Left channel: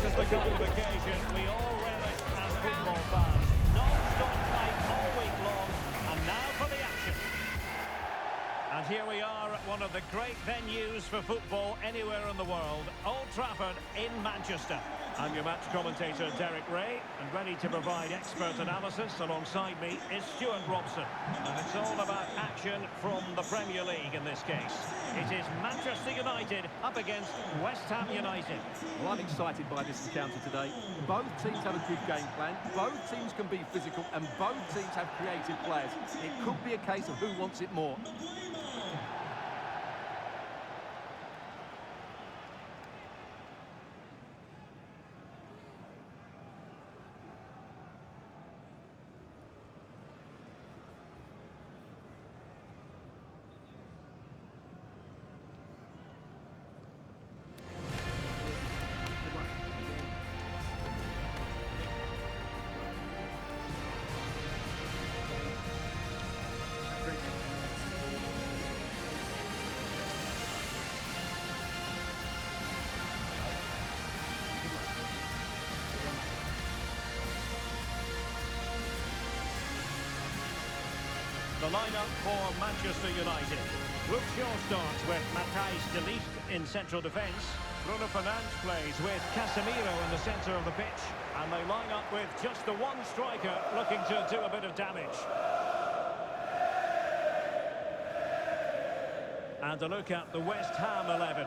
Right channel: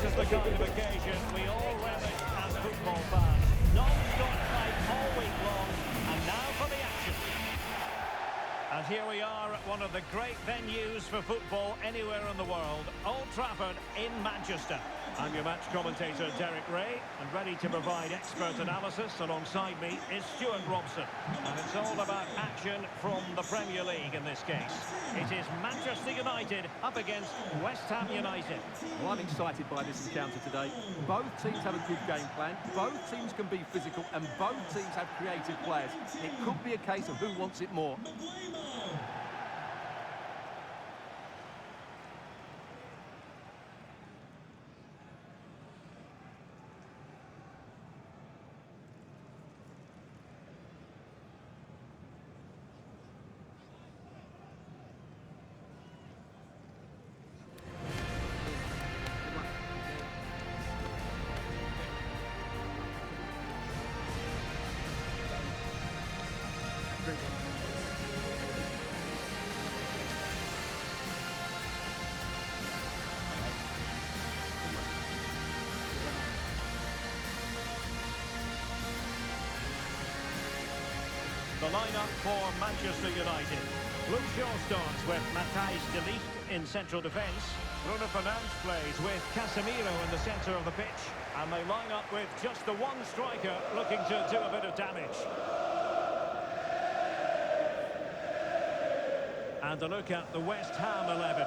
This is the kind of occasion we all relish as football fans. Non-stop fight all week long, and now for the action. And here we are at one of the great venues for football anywhere in the world, Old Trafford in Manchester. I'm your match commentator, Derek Ray, and ready to provide expert analysis alongside me is Stuart Robson. And it's all about action from the Premier League in this case. It is Manchester United up against West Ham United. Well, I'm excited by this encounter today. Both teams have a good game plan, both teams can be physical, and both teams have creative players. It could be a case of who wants it more. The lineup for Manchester United. Luke Shaw starts with Matthijs de Ligt in central defence. Bruno Fernandes plays with Casemiro in the centre of the pitch. And they line up with just the one striker looking to do a bit of damage. And a look at the West Ham 11.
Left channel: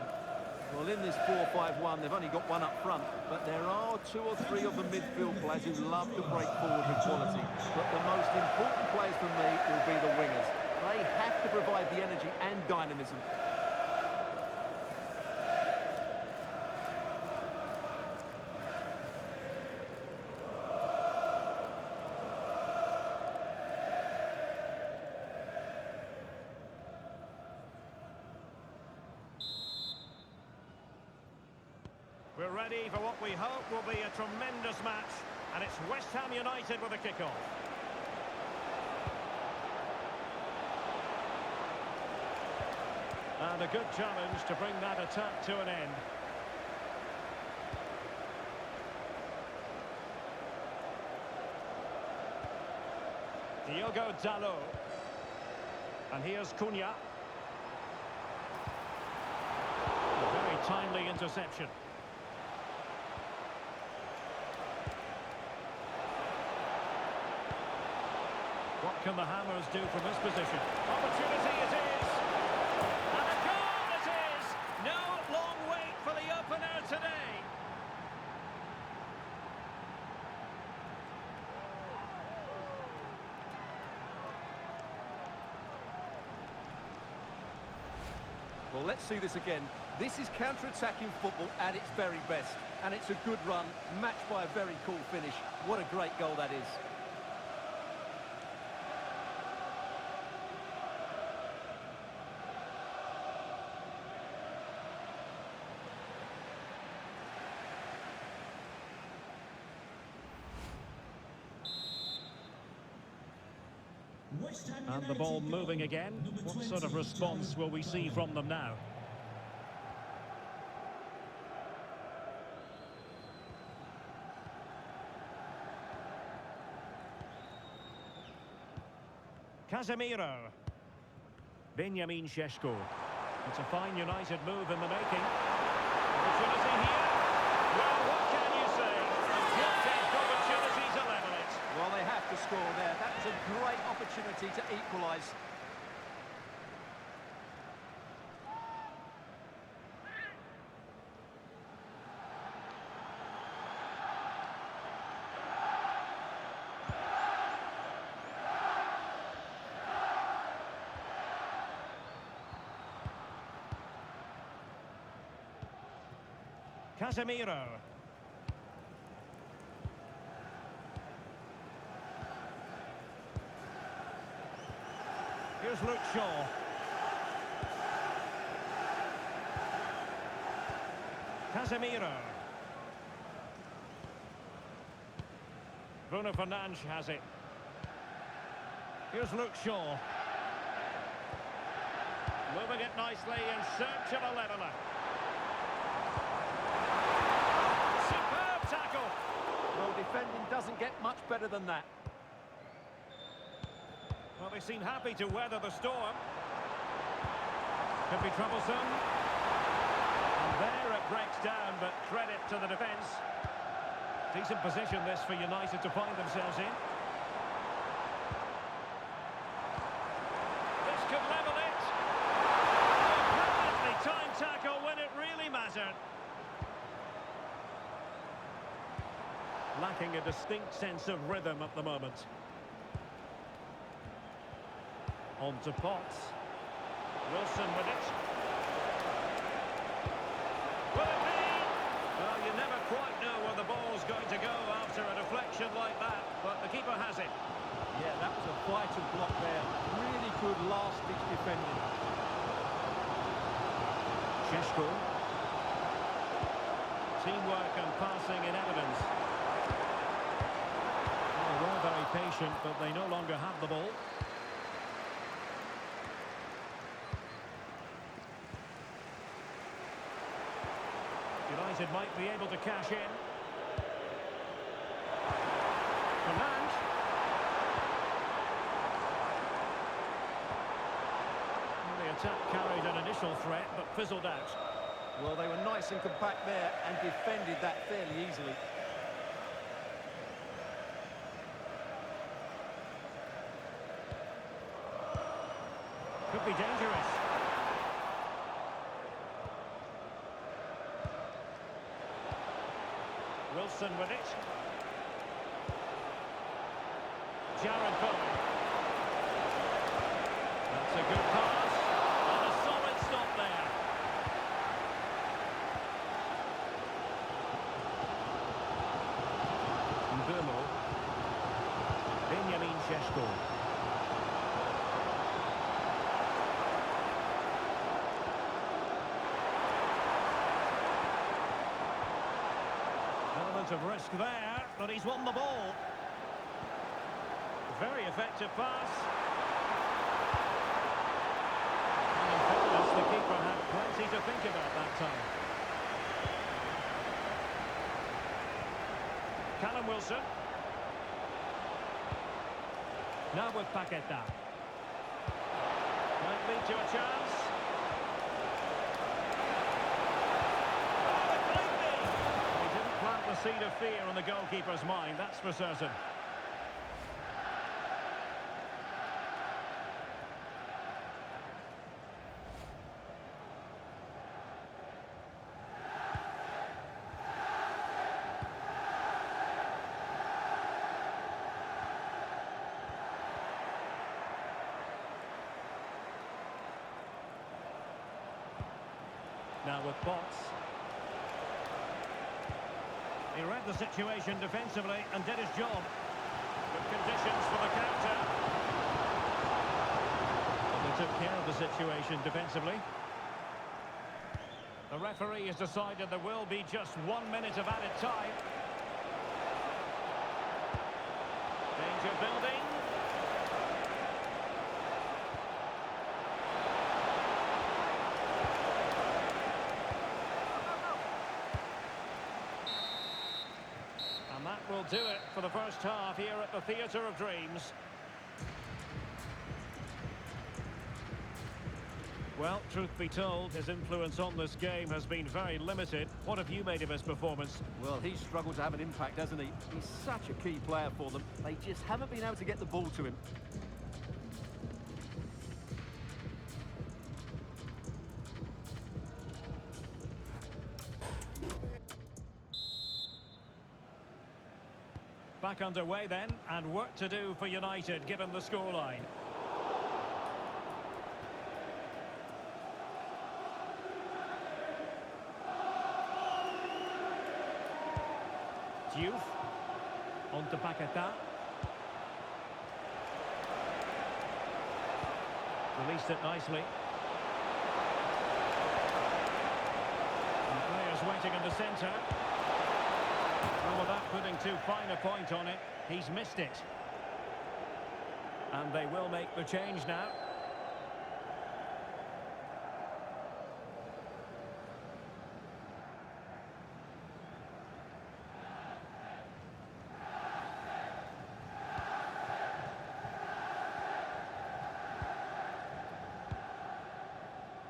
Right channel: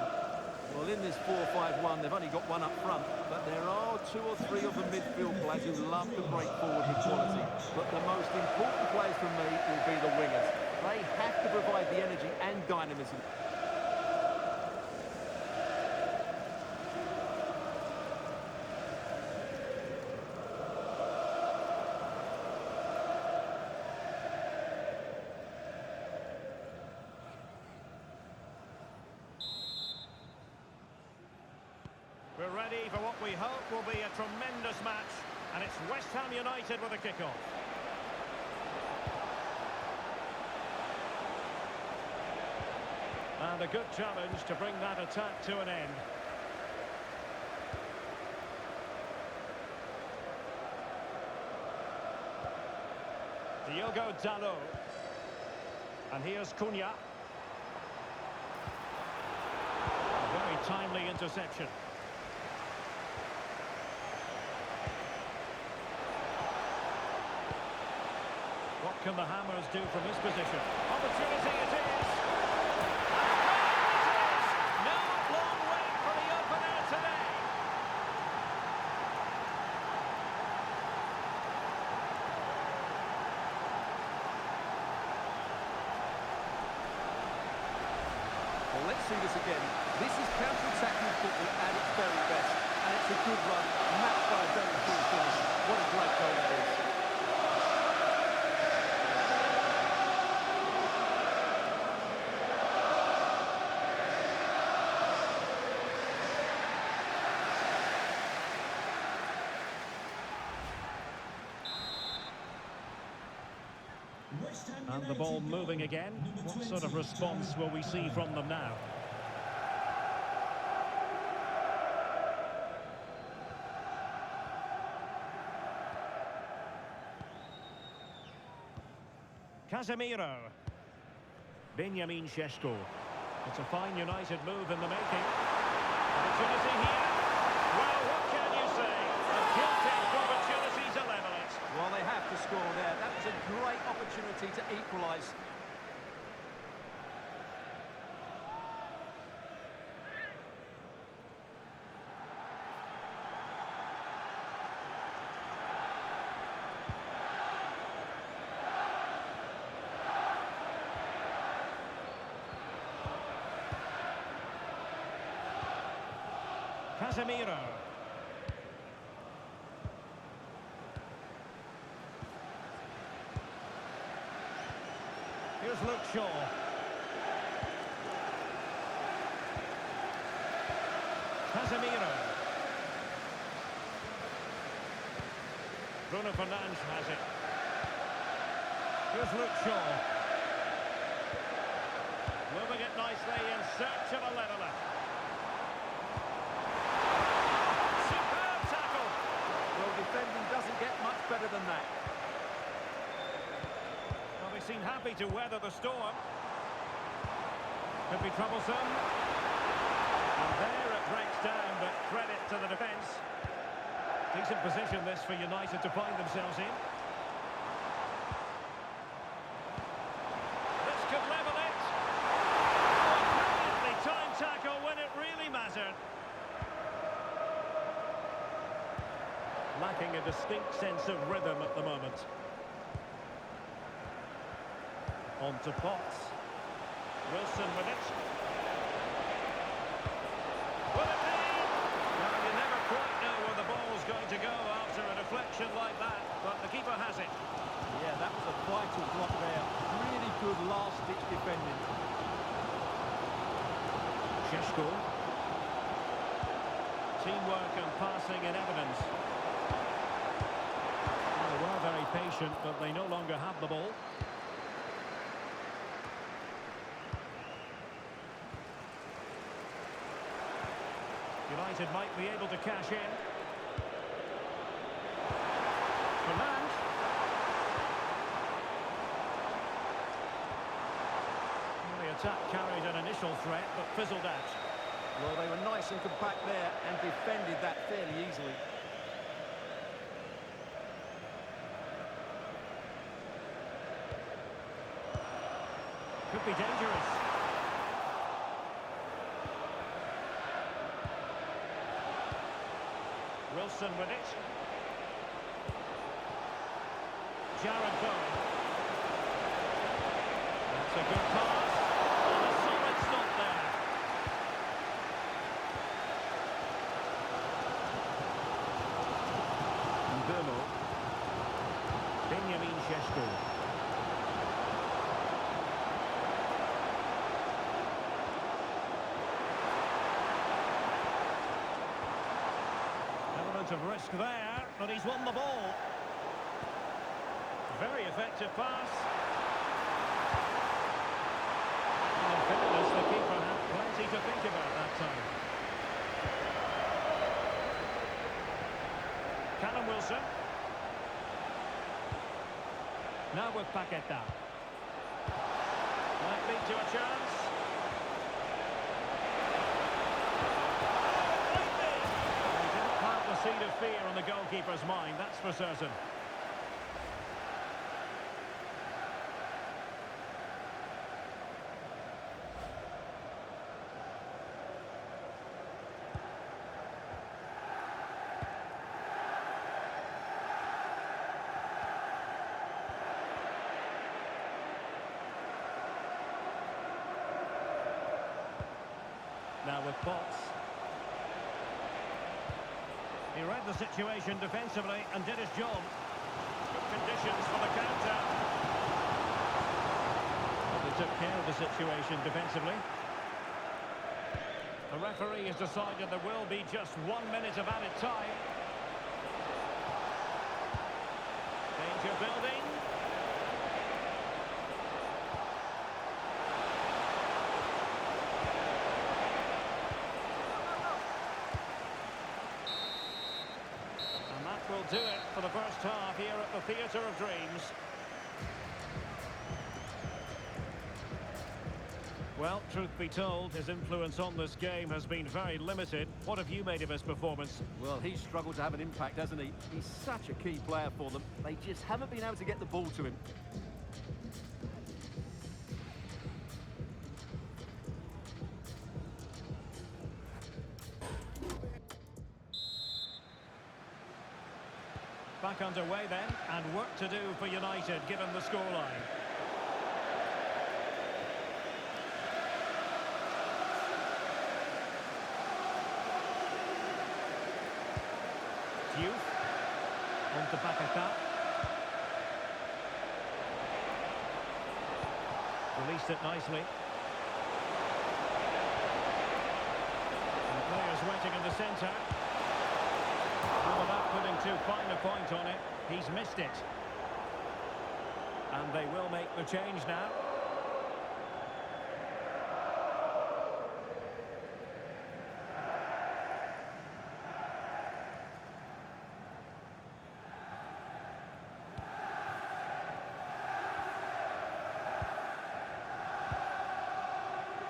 Well, in this 4-5-1, they've only got one up front, but there are two or three of the midfield players who love to break forward with quality. But the most important players for me will be the wingers. They have to provide the energy and dynamism. We're ready for what we hope will be a tremendous match, and it's West Ham United with a kick-off. And a good challenge to bring that attack to an end. Diogo Dalot. And here's Cunha. A very timely interception. What can the Hammers do from this position? Opportunity it is! And a goal it is! No long wait for the opener today! Well, let's see this again. This is counter-attacking football at its very best. And it's a good run, matched by a very cool finish. What a great goal that is. And the ball moving again. What sort of response will we see from them now? Casemiro. Benjamin Šeško. It's a fine United move in the making. Opportunity here. Well, what can you say? A gilt-edged opportunity to level it. Well, they have to score there. That was a great opportunity to equalise. Casemiro. Here's Luke Shaw. Casemiro. Bruno Fernandes has it. Here's Luke Shaw. Moving it nicely in search of a leveller. Superb defending doesn't get much better than that. Well, they seem happy to weather the storm. Could be troublesome. And there it breaks down, but credit to the defence. Decent position this for United to find themselves in. This could level it. Oh, brilliantly timed tackle when it really mattered. Lacking a distinct sense of rhythm at the moment. On to Potts. Wilson with it. Will it be? Well, you never quite know where the ball's going to go after a deflection like that, but the keeper has it. Yeah, that was a vital block there. Really good last-ditch defending. Šeško. Teamwork and passing in evidence. Well, they were very patient, but they no longer have the ball. United might be able to cash in. Fernand. Well, the attack carried an initial threat, but fizzled out. Well, they were nice and compact there and defended that fairly easily. Could be dangerous. Wilson with it. Jared Bowen. That's a good pass. And a solid stop there. Mbomo. Benjamin Šeško. Element of risk there, but he's won the ball. Very effective pass. And in fairness, the keeper had plenty to think about that time. Callum Wilson. Now with Paqueta. Might lead to a chance. Plant the seed of fear on the goalkeeper's mind, that's for certain. Now with Potts. He read the situation defensively and did his job. Good conditions for the counter. Well, they took care of the situation defensively. The referee has decided there will be just 1 minute of added time. Danger building. And that will do it for the first half here at the Theatre of Dreams. Well, truth be told, his influence on this game has been very limited. What have you made of his performance? Well, he's struggled to have an impact, hasn't he? He's such a key player for them. They just haven't been able to get the ball to him. Back underway then, and work to do for United, given the scoreline. Diouf. On to Paqueta. Released it nicely. And the players waiting in the centre. Well, without putting too fine a point on it, he's missed it. And they will make the change now.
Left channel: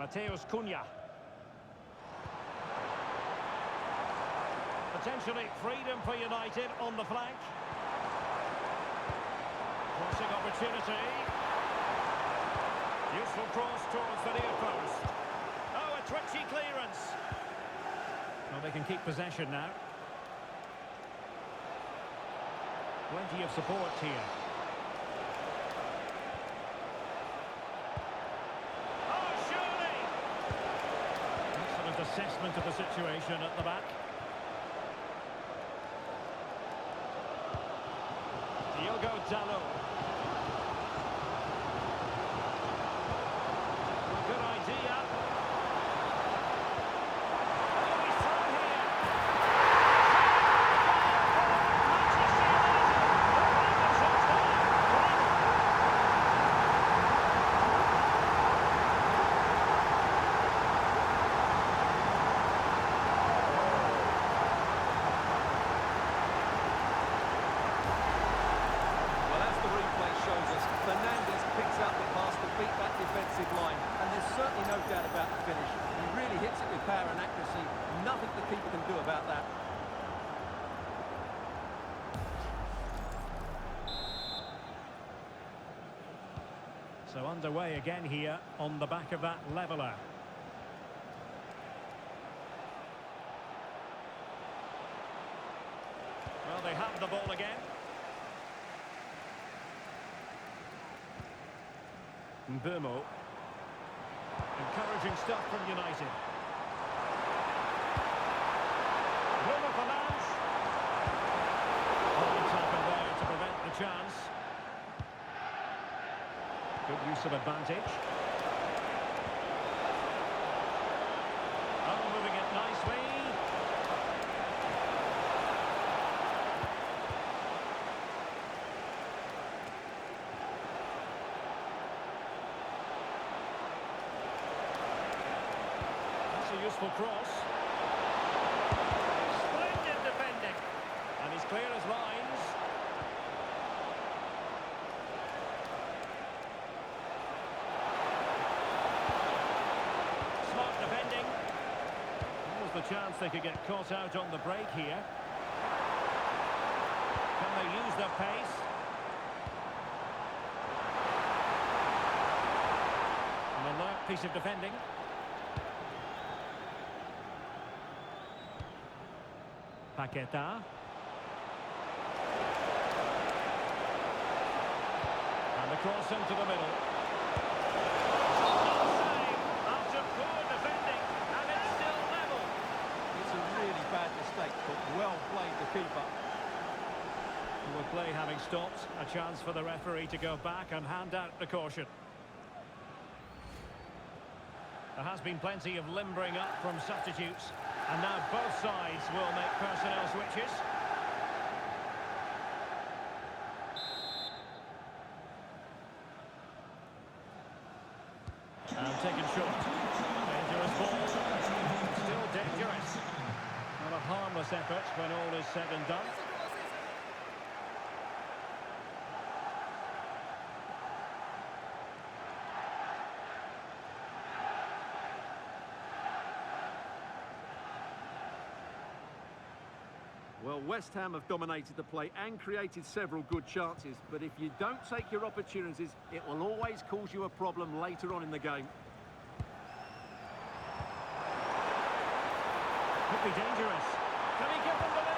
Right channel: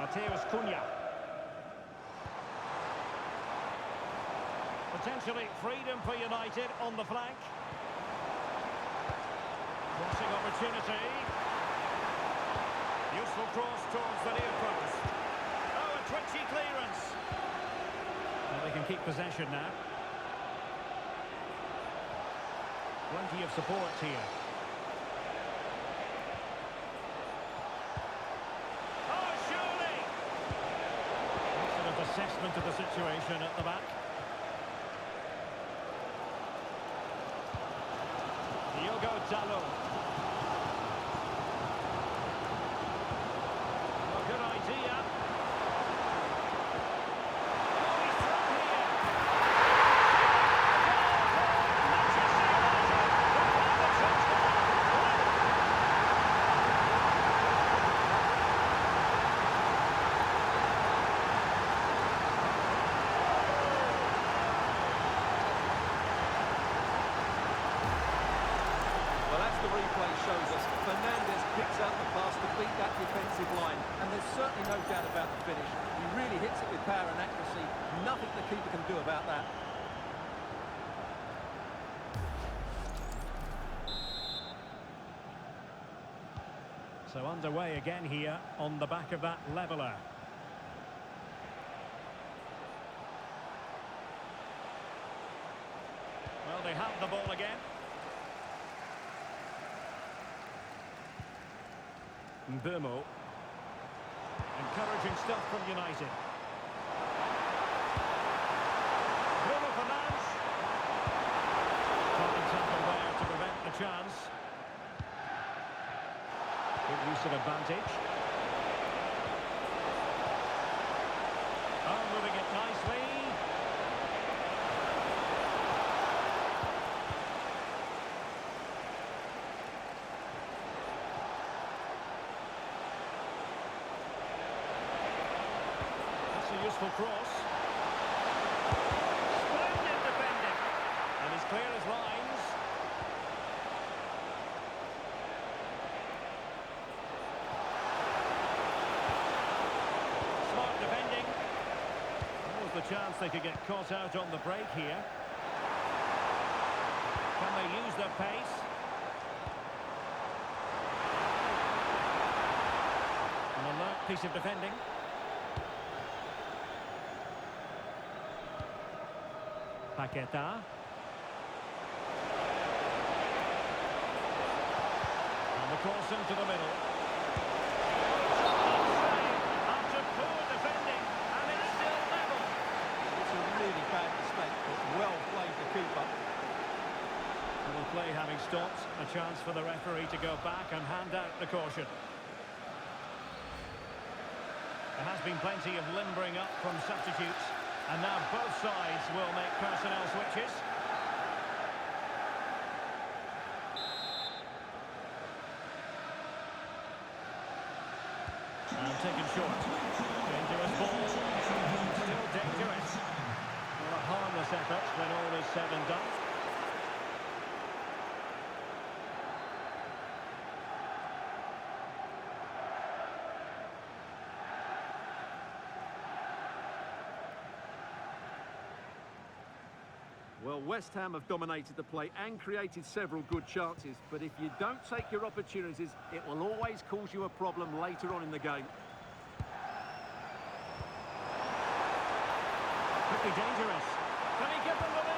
Mateus Cunha. Potentially freedom for United on the flank. Crossing opportunity. Useful cross towards the near post. Oh, a twitchy clearance. Well, they can keep possession now. Plenty of support here. Oh, surely! Excellent assessment of the situation at the back. Diogo Dalot. Well, good idea. Oh, he's through here. A goal for Manchester United. The find themselves now level. Well, as the replay shows us, Fernandes picks out the pass to beat that defensive line, and there's certainly no doubt about the finish. He really hits it with power and accuracy. Nothing the keeper can do about that. So underway again here on the back of that leveller. Well, they have the ball again. Mbeumo. Encouraging stuff from United. Bruno Fernandes. Fine tackle there to prevent the chance. Good use of advantage. Oh, moving it nicely. A useful cross. Splendid defending. And he's clear as lines. Smart defending. That was the chance they could get caught out on the break here. Can they use their pace? An alert piece of defending. Paqueta. And the cross into the middle. Shot not saved after poor defending, and it's still level. It's a really bad mistake, but well played the keeper. With play having stopped, a chance for the referee to go back and hand out the caution. There has been plenty of limbering up from substitutes. And now both sides will make personnel switches. And taken short. Dangerous ball. Still dangerous. Well, a harmless effort when all is said and done. Well, West Ham have dominated the play and created several good chances, but if you don't take your opportunities, it will always cause you a problem later on in the game. Could be dangerous. Can he give them the lead?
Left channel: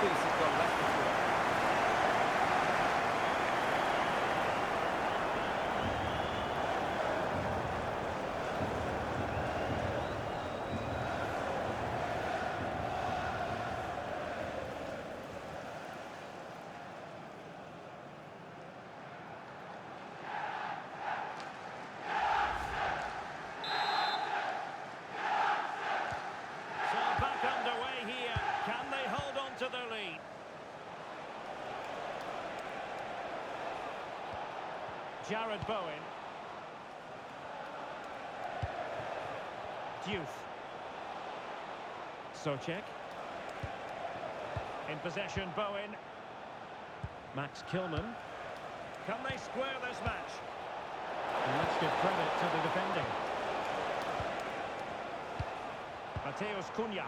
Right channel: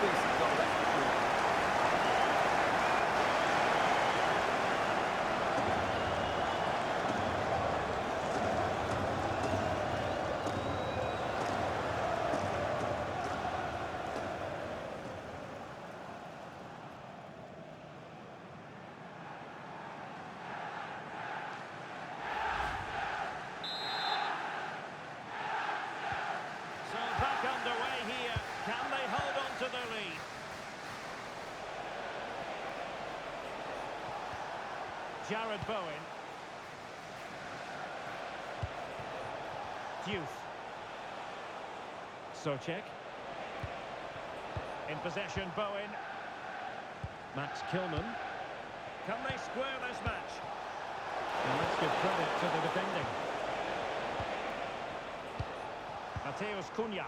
Decent goal, that's for sure. Jared Bowen. Diouf. Soucek. In possession, Bowen. Max Kilman. Can they square this match? And let's give credit to the defending. Mateus Cunha.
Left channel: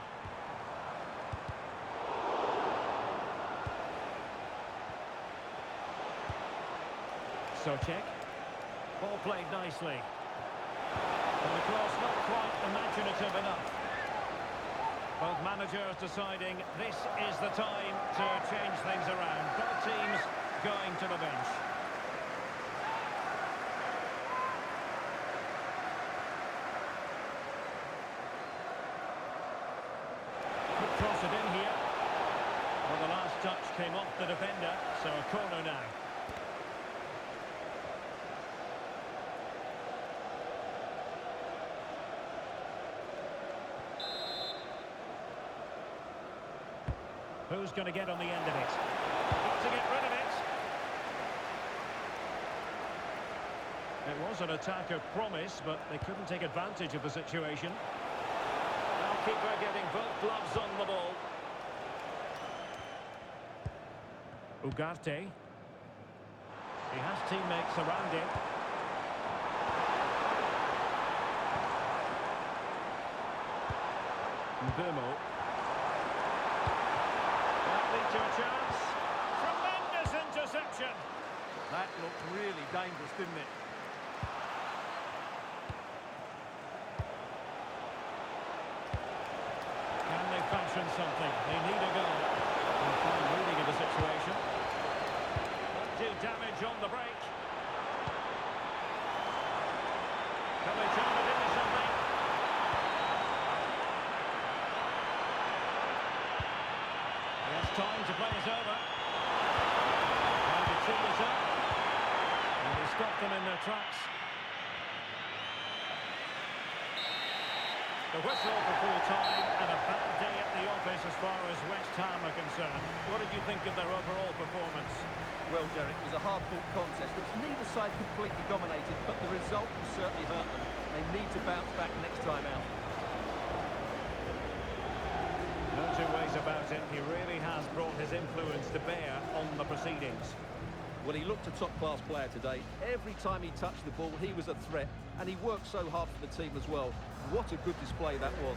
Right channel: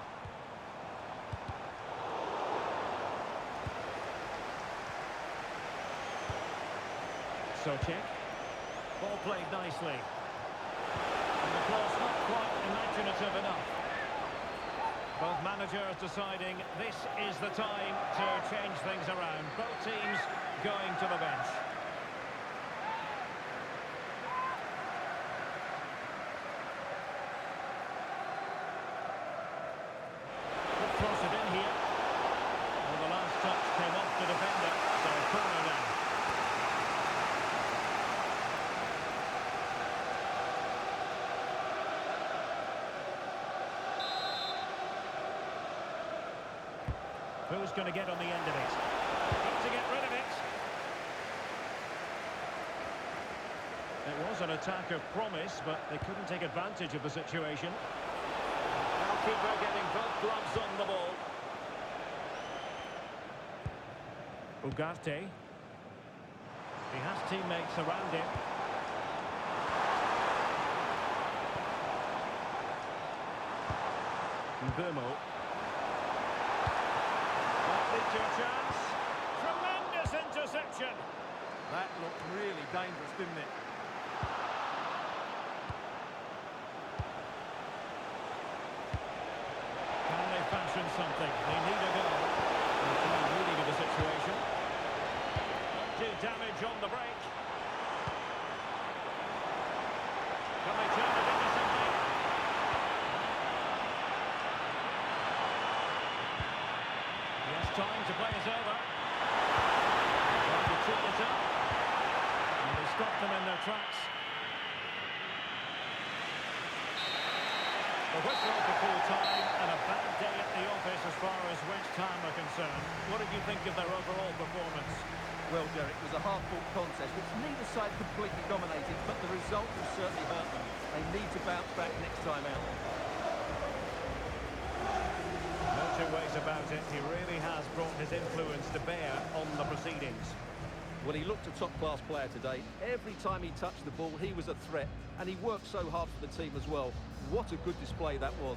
Soucek. Ball played nicely. And the cross not quite imaginative enough. Both managers deciding this is the time to change things around. Both teams going to the bench. Could cross it in here. Well, the last touch came off the defender, so a corner now. Who's going to get on the end of it? Need to get rid of it. It was an attack of promise, but they couldn't take advantage of the situation. Goalkeeper getting both gloves on the ball. Ugarte. He has teammates around him. Mbeumo. That lead to a chance. Tremendous interception. That looked really dangerous, didn't it? Can they fashion something? They need a goal. And fine reading of the situation. Won't do damage on the break. Can they turn it into something? He has time to play it over. Trying to tee it up. And they stop them in their tracks. The whistle for full time and a bad day at the office as far as West Ham are concerned. What did you think of their overall performance? Well, Derek, it was a hard-fought contest which neither side completely dominated, but the result will certainly hurt them. They need to bounce back next time out. No two ways about it. He really has brought his influence to bear on the proceedings. Well, he looked a top-class player today. Every time he touched the ball, he was a threat, and he worked so hard for the team as well. What a good display that was.